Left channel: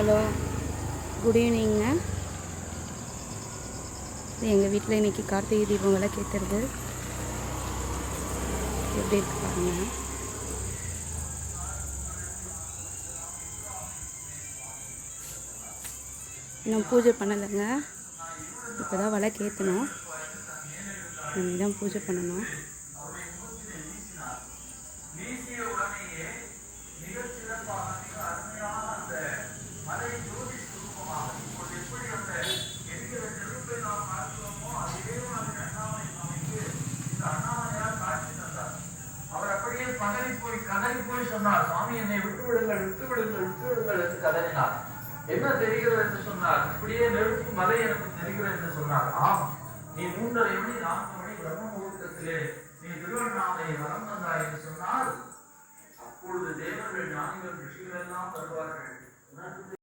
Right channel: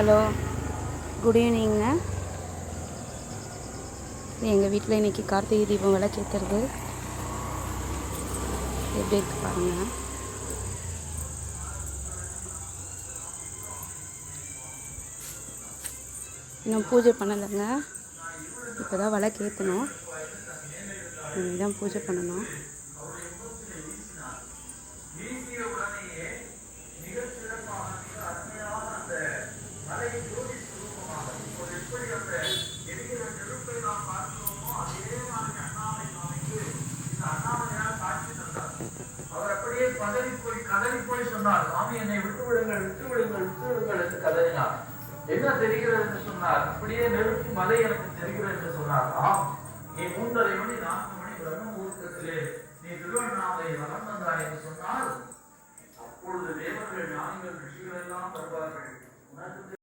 Hello, good evening. எங்கள் வீட்டில் இன்றைக்கி கார்த்திகை தீபம் விளக்கேற்றுறது எப்படி இருக்கு பாருங்கள். இன்னும் பூஜை பண்ணலைங்க. இப்போ தான் விளக்கேற்றணும். இனிமேல் தான் பூஜை பண்ணணும். கதறி போய் சொன்னார், சாமி என்னை விட்டு விடுங்கள் விட்டு விடுங்கள் விட்டு விடுங்கள் என்று கதறினார். என்ன தெரிகிறது என்று சொன்னார், இப்படியே நெருப்பு மலை எனக்கு தெரிகிறது என்று சொன்னார். ஆம், நீ 3:30 மணி 4 மணி பிரம்ம முகூர்த்தத்திலே நீ திருவண்ணாமலை வலம் வந்தாய் என்று சொன்னால், அப்பொழுது தேவர்கள் ஞானிகள் ரிஷிகள் எல்லாம் வருவார்கள்.